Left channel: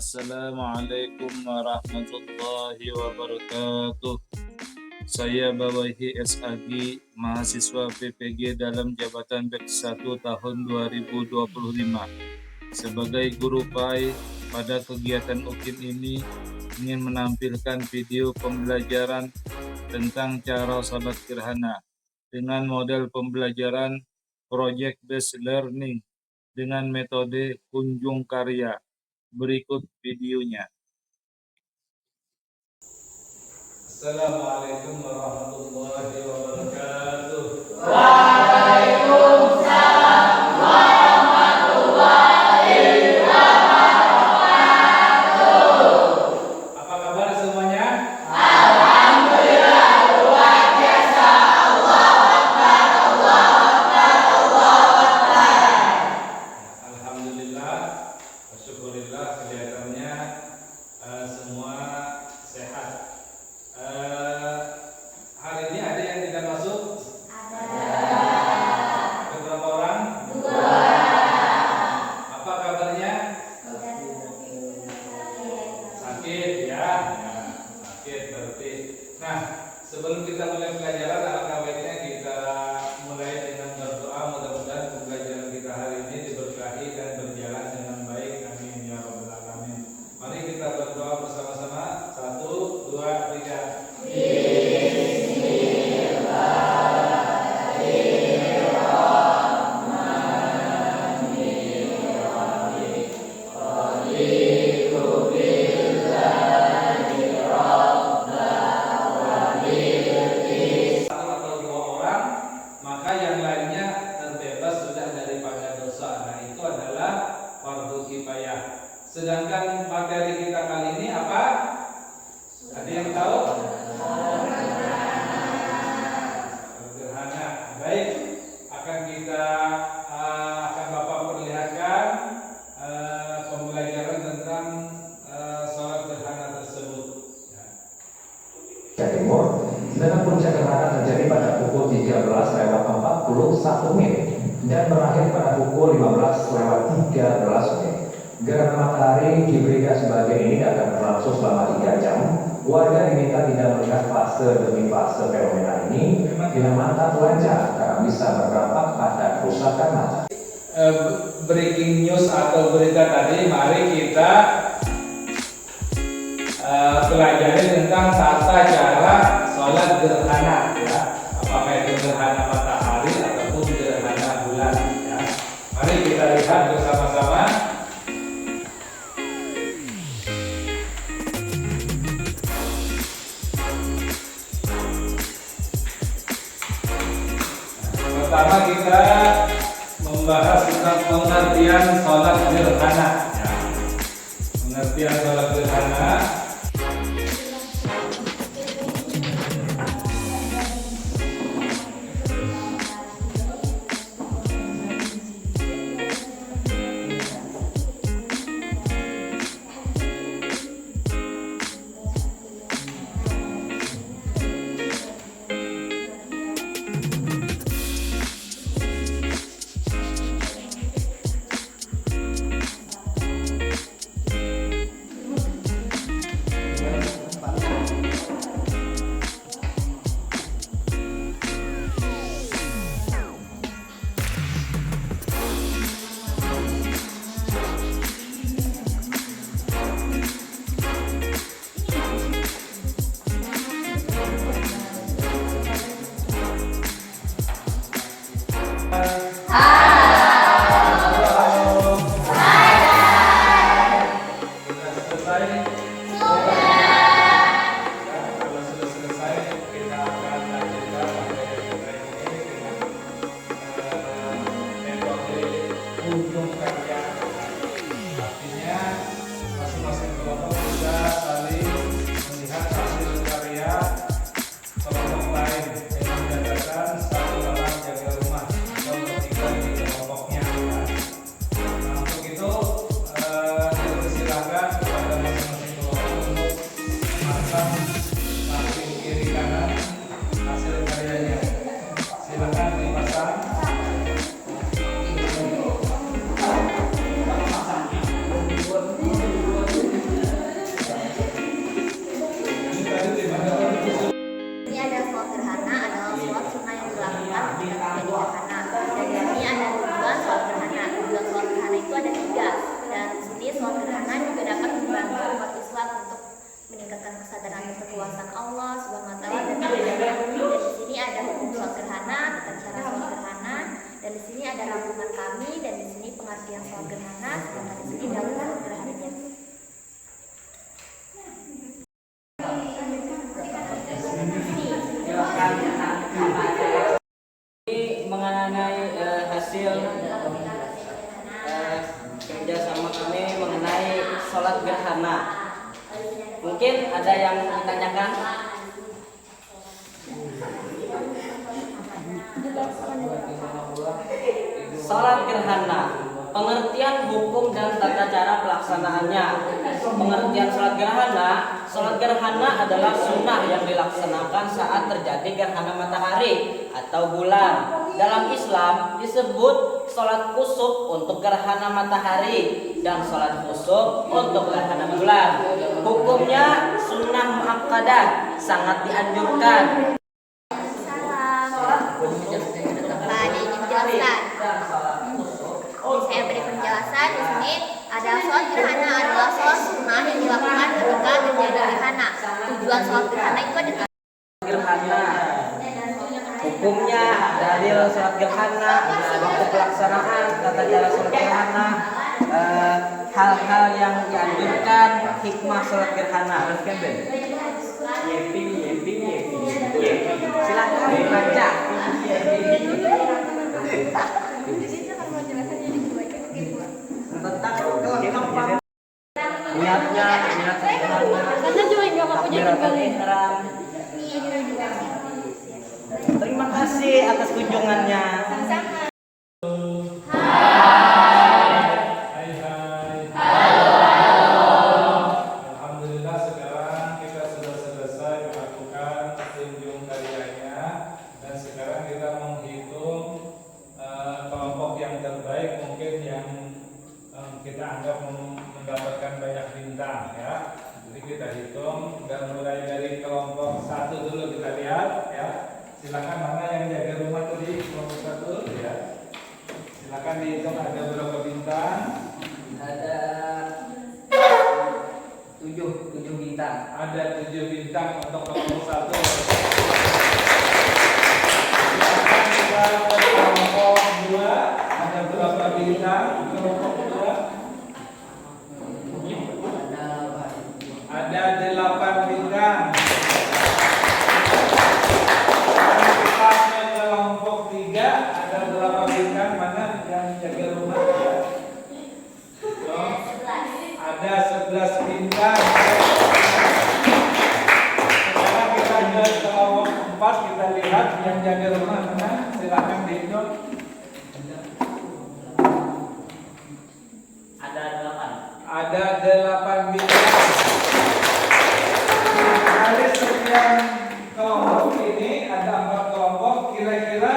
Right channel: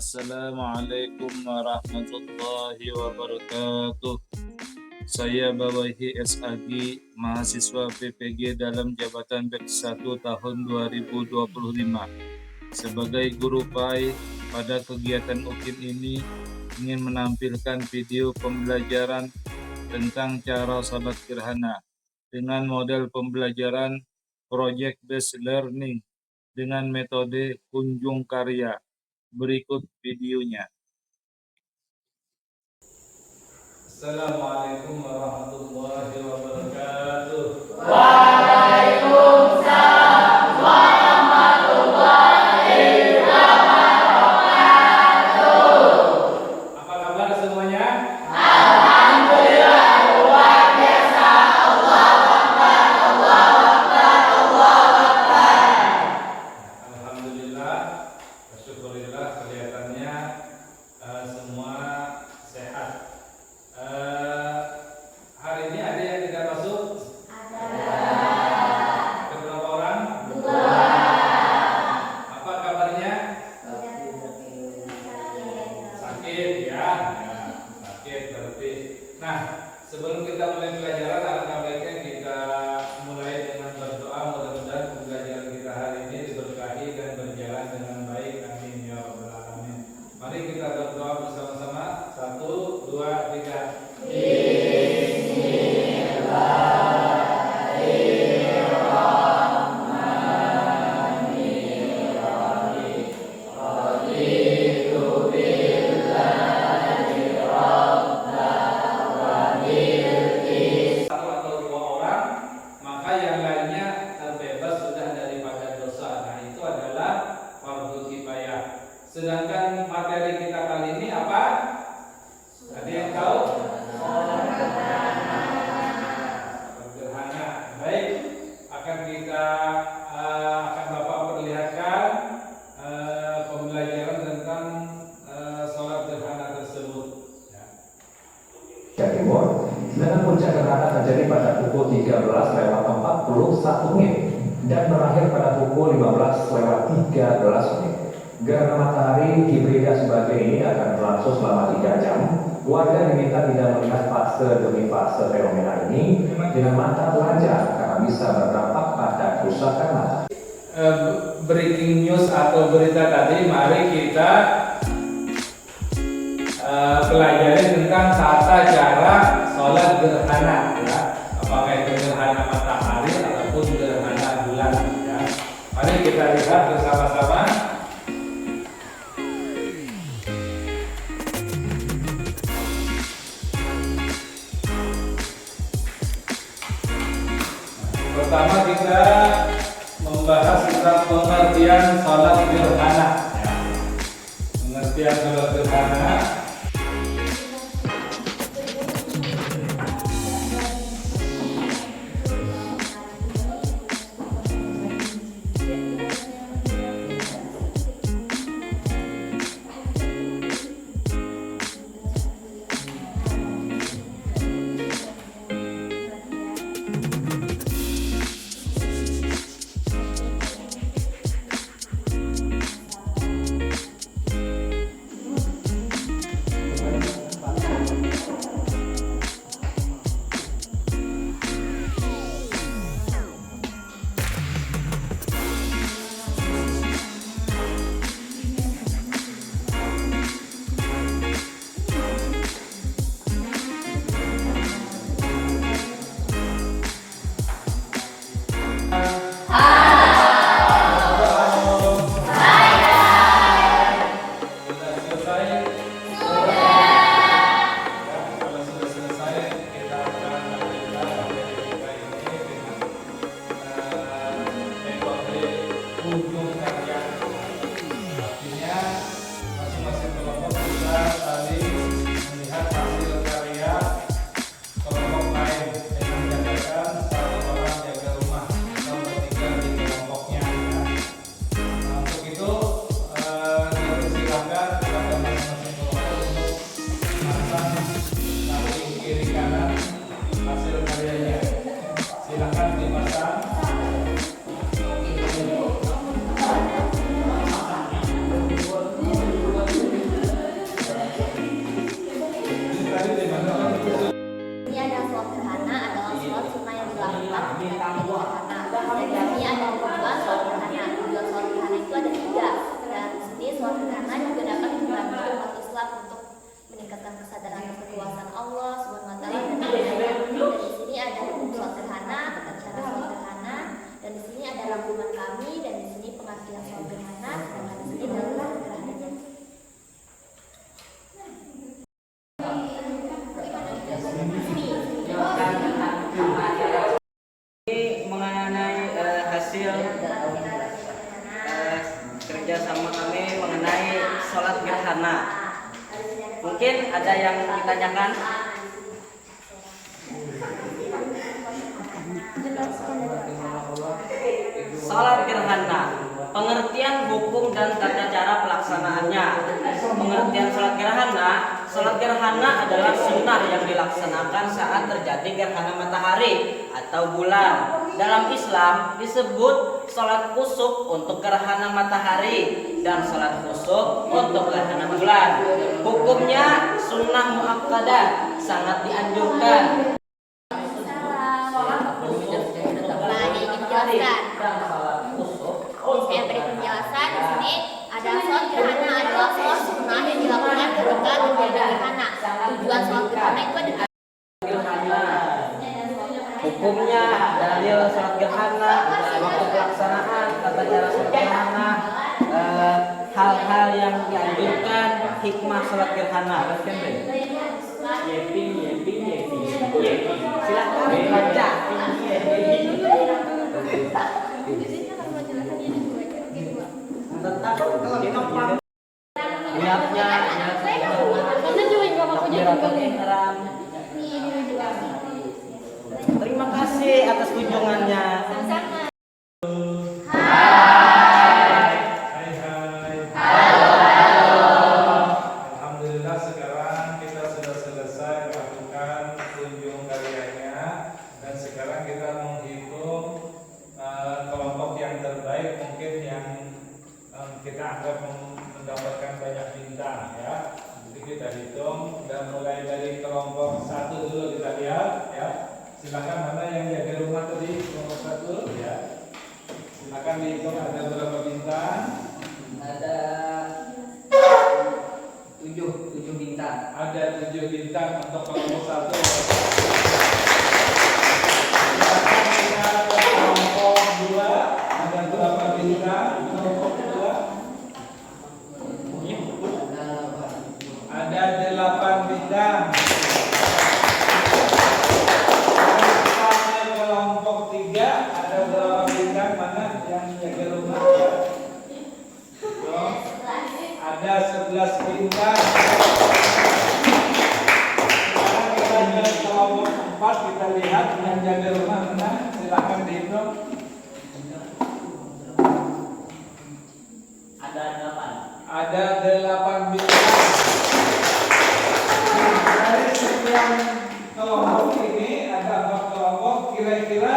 Assalamualaikum warahmatullahi wabarakatuh. Saya Bawahi S.Agi, mahasiswa PPG dalam jabatan Batch 1 tahun 2025. Sebagai guru PAI, pada kegiatan UKIM ini ingin menampilkan video pembelajaran tentang cara salat gerhana dengan model pembelajaran Project Based Learning dengan metode kunjung karya. Berikut videonya. Assalamualaikum warahmatullahi wabarakatuh. Waalaikumsalam warahmatullahi wabarakatuh. Apa kabar semuanya? Alhamdulillah, luar biasa. Allahu Akbar, Allahu Akbar, Allahu Akbar. Alhamdulillah, syukurillah, kelihatannya semua sehat. Hari ini ada yang tidak masuk? Ada berapa orang? 2. Apa kabarnya? Sakit ya, sakit berarti. Nah, sebelum kita mulai pelajaran, alangkah baiknya kita mulai dengan berdoa. Mudah-mudahan pembelajaran kita hari ini diberkahi dan berjalan dengan baik. Amin ya rabbal alamin. Mari kita berdoa bersama-sama. 1, 2, 3. Sedangkan materi kita kali ini apa? Ada yang tahu? Gerhana. Baik, akan Bapak perlihatkan pembelajaran tentang sholat gerhana tersebut. Timur, sedangkan puncak gerhana terjadi pada pukul 13:41 dan berakhir pada pukul 15:13. Gerhana matahari hibrida sebagai ini akan berlangsung selama 3 jam. Warga diminta tidak melihat fase demi fase fenomena ini dengan mata telanjang karena bisa berdampak pada kerusakan mata. Breaking news atau berita tadi, mari kita pelajari tentang tata cara sholat gerhana, ya. Apakah itu gerhana matahari ataupun gerhana bulan, ya. Mari kita lihat bersama-sama. Pertama kita membahas tentang pengertian sholat gerhana, ya. Pengertian sholat gerhana. Silahkan dipasang. yang sholat gerhana, sedangkan di sini dalam gerhananya. Ini mengenai hasil kerjasama kami mengenai sholat gerhana. Mungkin ada yang ditanyakan? Sholat gerhana, pengertian hukum dan tata cara pelaksanaannya. Pengertian sholat gerhana adalah sunnah yang dilaksanakan saat terjadi gerhana matahari atau bulan. Dalam Islam disebut sholat kusuf untuk gerhana matahari dan sholat khusuf untuk gerhana bulan. Hukumnya sunnah muakkadah, sangat dianjurkan. Saya beri penjelasan di sini. Ada sholat gerhana adalah sholat sunnah yang dilakukan ketika terjadi gerhana. Tujuan sholat gerhana itu adalah Gerhana, hukumnya, dalil sholat gerhana, waktu pelaksanaan, tata cara sholat gerhana, hal-hal yang dianjurkan, hikmah sholat gerhana. Yepi. Silakan baca. Niatnya, takbiratul ihram. Terima kasih atas kunjungannya. Alhamdulillah sekarang kita sudah selesai melakukan kunjung karyanya dan sekarang kita menghitung kelompok yang terbaik mungkin yang kita anggap mendapatkan banyak bintang ya. Jadi kita hitung dan mulai dari kelompok 1 dulu kita lihat ya. Silakan mana yang jaga rumah tadi kelompok 1 ya. Silakan dihitung ada berapa bintang. Ada 7 bintang. Ada 7 bintang untuk kelompok 1. Kelompok 2 ada berapa bintang? Kelompok 2 ada 8 bintang. Kelompok 3 ada berapa bintang? Mana yang jaga rumah? Ada 11 bintang. Sekarang kita ke kelompok 4, kita lihat yang jaga rumah mana? Silakan dihitung. Ada 8. Ada 8 bintang. Dari sekian kelompok ini ada 4 kelompok. Kira-kira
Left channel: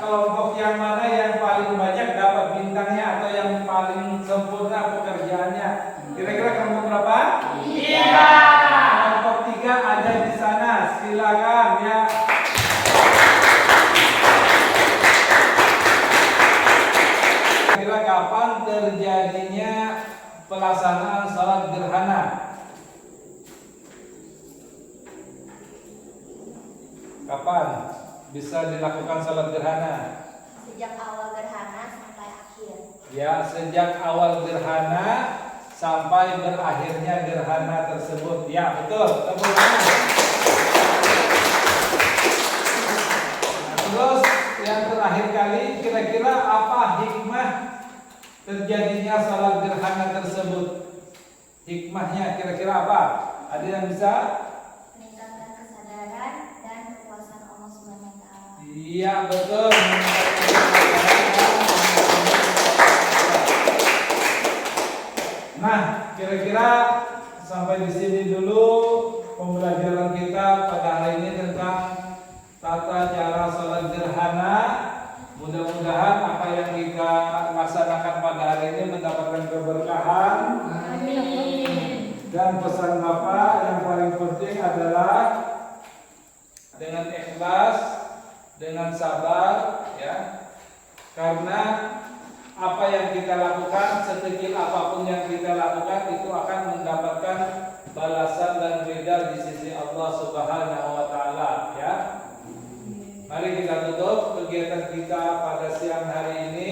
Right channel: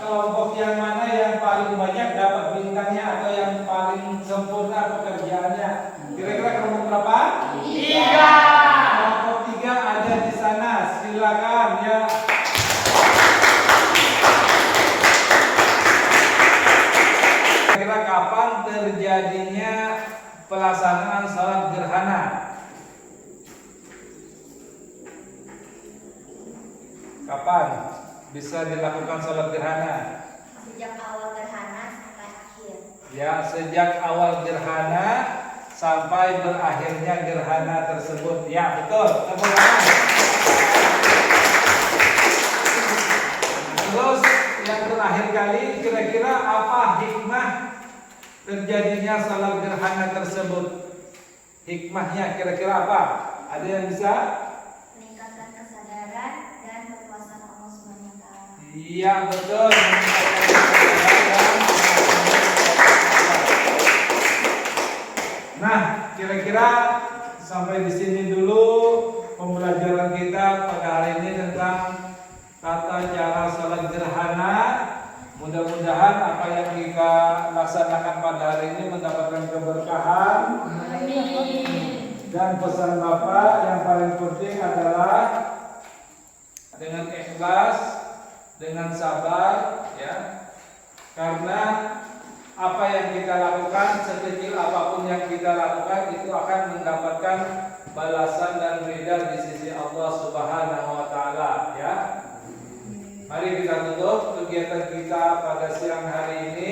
kelompok yang mana yang paling banyak dapat bintangnya atau yang paling sempurna pekerjaannya? Kira-kira kelompok berapa? 3. Kelompok 3 ada di sana. Silakan ya. Kira-kira kapan terjadinya pelaksanaan salat gerhana? Kapan bisa dilakukan salat gerhana? sejak awal gerhana sampai akhir. Ya, sejak awal gerhana sampai berakhirnya gerhana tersebut. Ya, betul. Tepuk tangan. Terus yang terakhir kali, kira-kira apa hikmah terjadinya salat gerhana tersebut? Hikmahnya kira-kira apa? Ada yang bisa? Meningkatkan kesadaran dan kekuasaan Allah Subhanahu wa taala. Iya, betul. Nah, kira-kira sampai di sini dulu pembelajaran kita pada hari ini tentang tata cara salat gerhana. Mudah-mudahan apa yang kita laksanakan pada hari ini mendapatkan keberkahan. Dan pesan Bapak yang paling penting adalah dengan ikhlas, dengan sabar, ya. Karena apa yang kita lakukan, sekecil apapun yang kita lakukan, itu akan mendapatkan balasan dan beda di sisi Allah Subhanahu wa taala, ya. Mari kita tutup kegiatan kita pada siang hari ini